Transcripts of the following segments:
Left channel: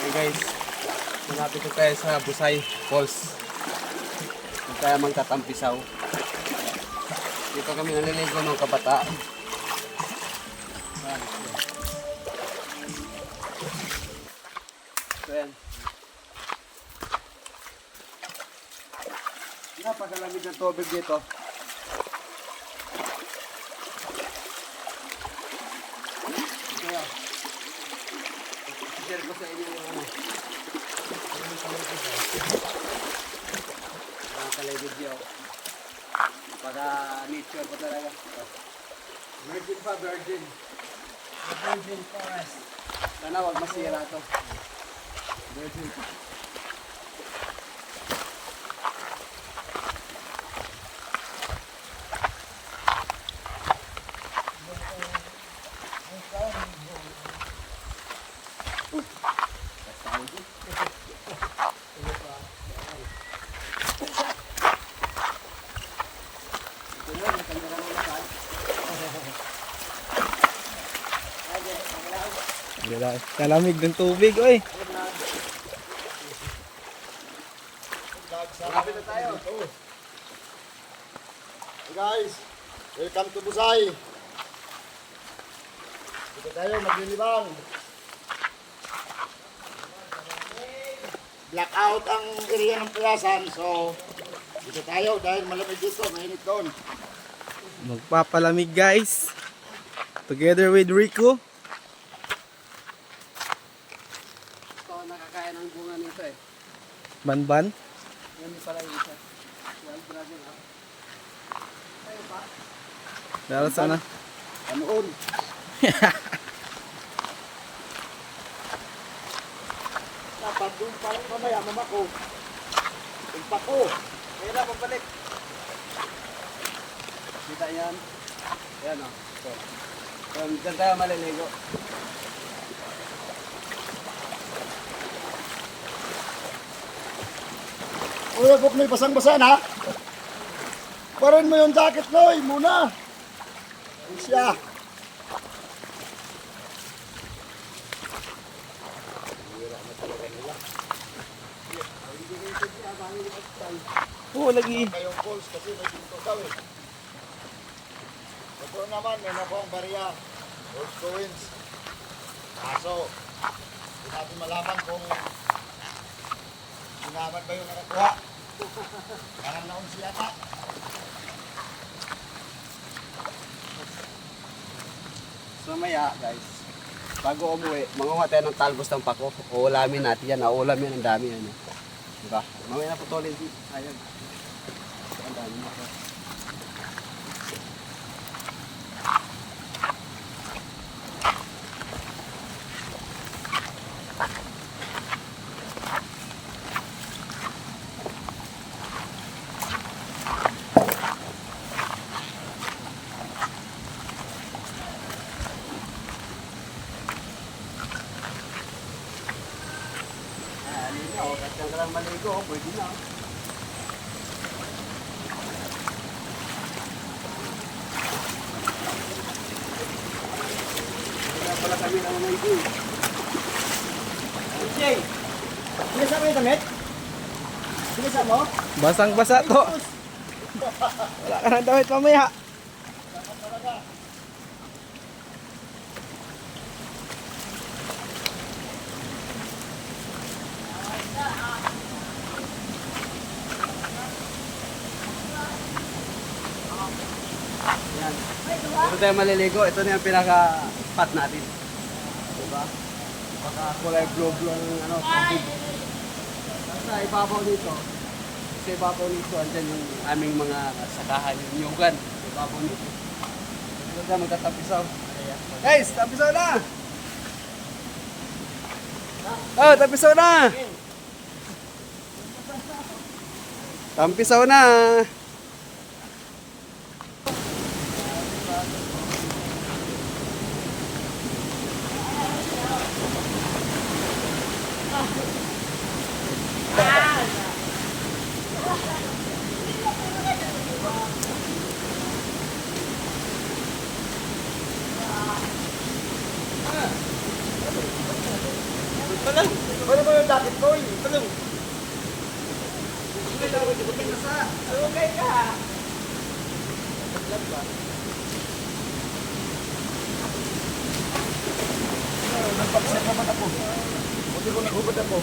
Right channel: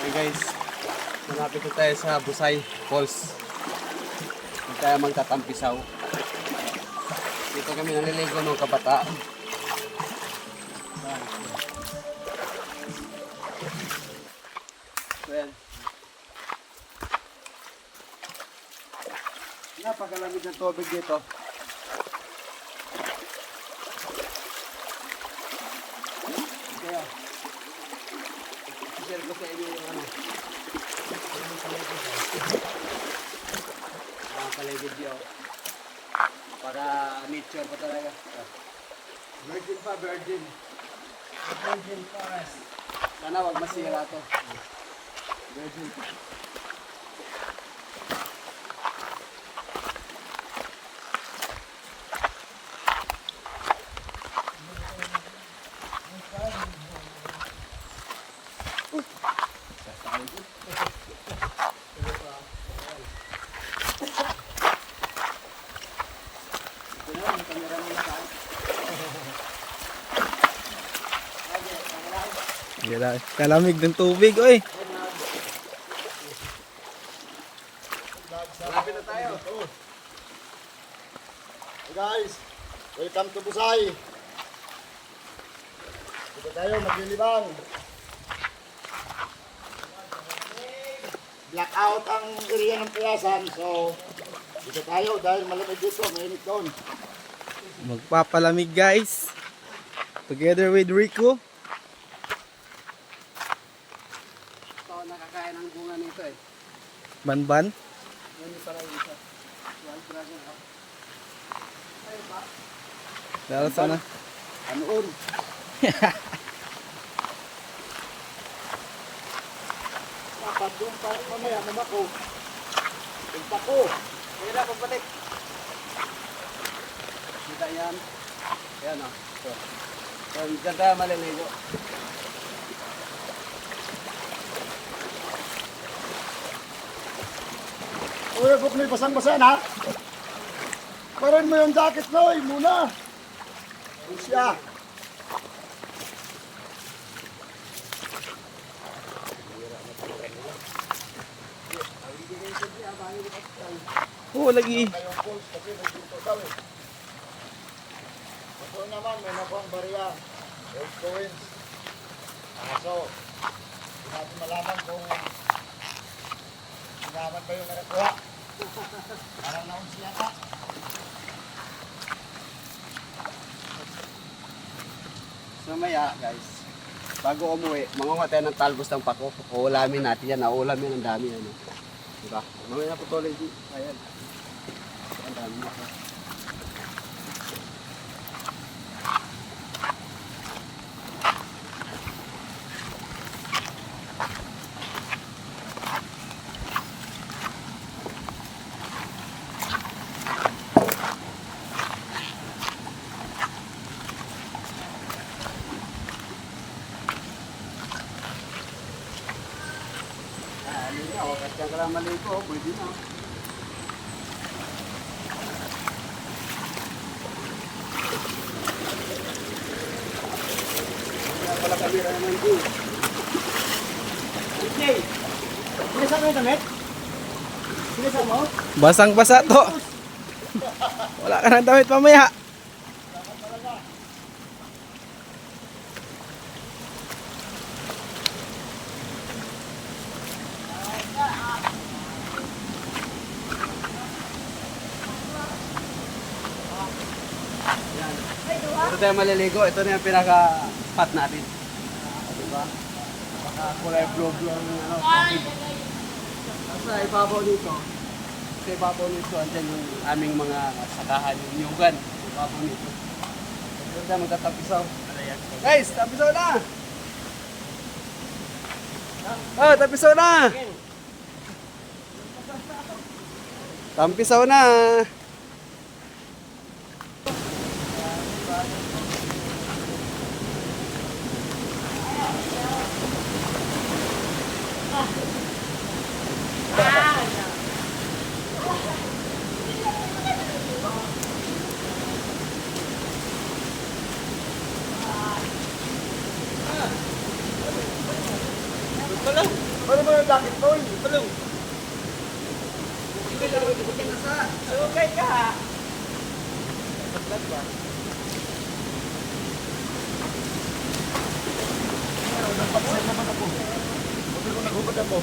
Hey guys, malapit na tayo sa Busay Falls. Dito tayo magtatampisaw. Dito kami naliligo ng kabataan. So yan. Napakalamig ng tubig dito. Kaya, i-share ko sa inyo yung ano. Nakakalagod yun. Para nature pa talaga. Virgin pa, virgin. Virgin forest. Sana wag masira to. Virgin pa. Kalamig ng tubig, oy. Malapit na tayo. Hey guys, welcome to Busay. Dito tayo maglilibang. Blackout ang area ng Piyasan, so dito tayo dahil malamig dito, mainit doon. Magpapalamig, guys. Together with Rico. Ito, nakakain ang bunga nito eh. Banban. Hindi pala yung isa. Dahil sana. Anoon? Dapat yung mamaya mamako. Yung pako. Kaya na, pagbalik. Kita yan. Yan o. So, dyan tayo maliligo. Kuya Gopnoy, basang-basa na. Parin mo yung jacket, Noy, muna. Siya. Oh, lagi. Kayong calls kasi may dito daw eh. Ito naman, may nakuha ang bariya. Old coins. Kaso, hindi natin malaman kung sinaman ba yung nakuha. Parang naon siya ka. So maya guys, bago umuwi, mangunga tayo ng talbos ng pako. Uulamin natin yan. Naulam yan ang dami. Ano. Diba? Mamaya na putulin. Ayan. Ang dami na. Kahit ka lang maligo, pwede na. Wala pala kamera naman din. Okay. Sinisan mo yung damit? Sinisan mo? Basang-basa to. Wala ka ng damit mamaya. Yan. Ito tayo maliligo. Ito na yung pinaka-spot natin. Diba? Baka kulay blue-blue ang ano, tubig. Tapos sa ibabaw dito, andyan yung aming mga sakahan, yung nyugan. Sa ibabaw nito. Ito tayo magtatapisaw. Guys, tapisaw na! Oh, tapisaw na! Tampisaw na! Pala. Pwede mo yung jacket mo eh. Tulong. Okay ka. Magpapasal naman ako. Buti ko naghubad ako.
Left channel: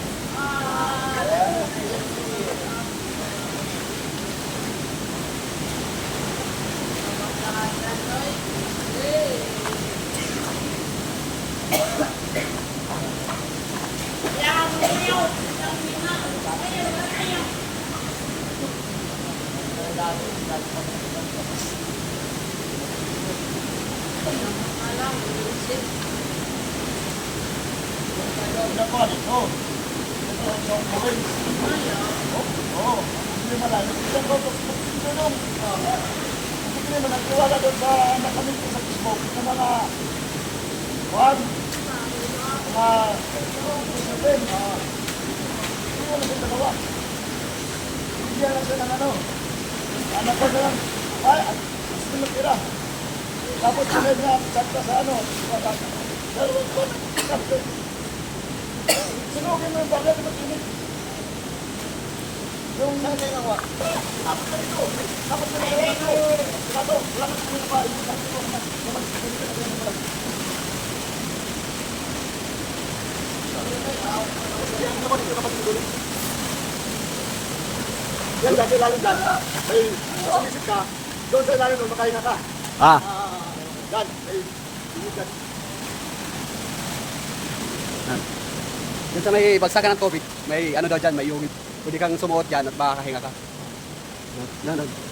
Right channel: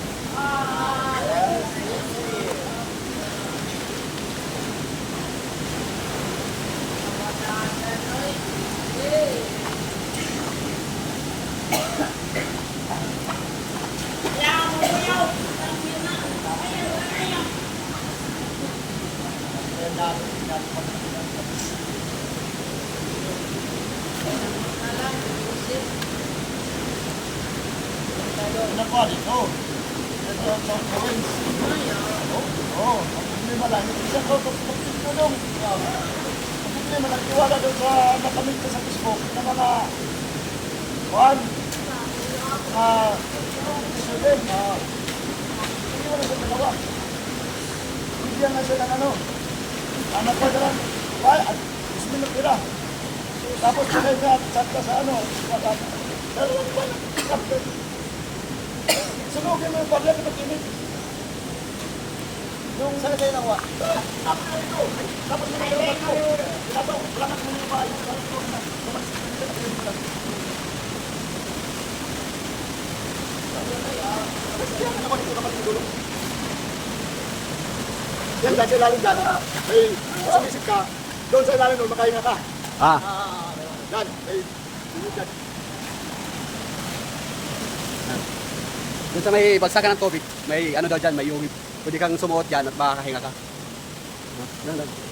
Yan, dati lalim dyan. Ay, sumisip ka. Doon sa ilalim mo, makahinga ka. Ah. Dan, ay, dyan. Diyan sa may bagsakan ng tubig, may ano daw dyan, may yung pwede kang sumuot dyan at makakahinga ka. Yan, yan.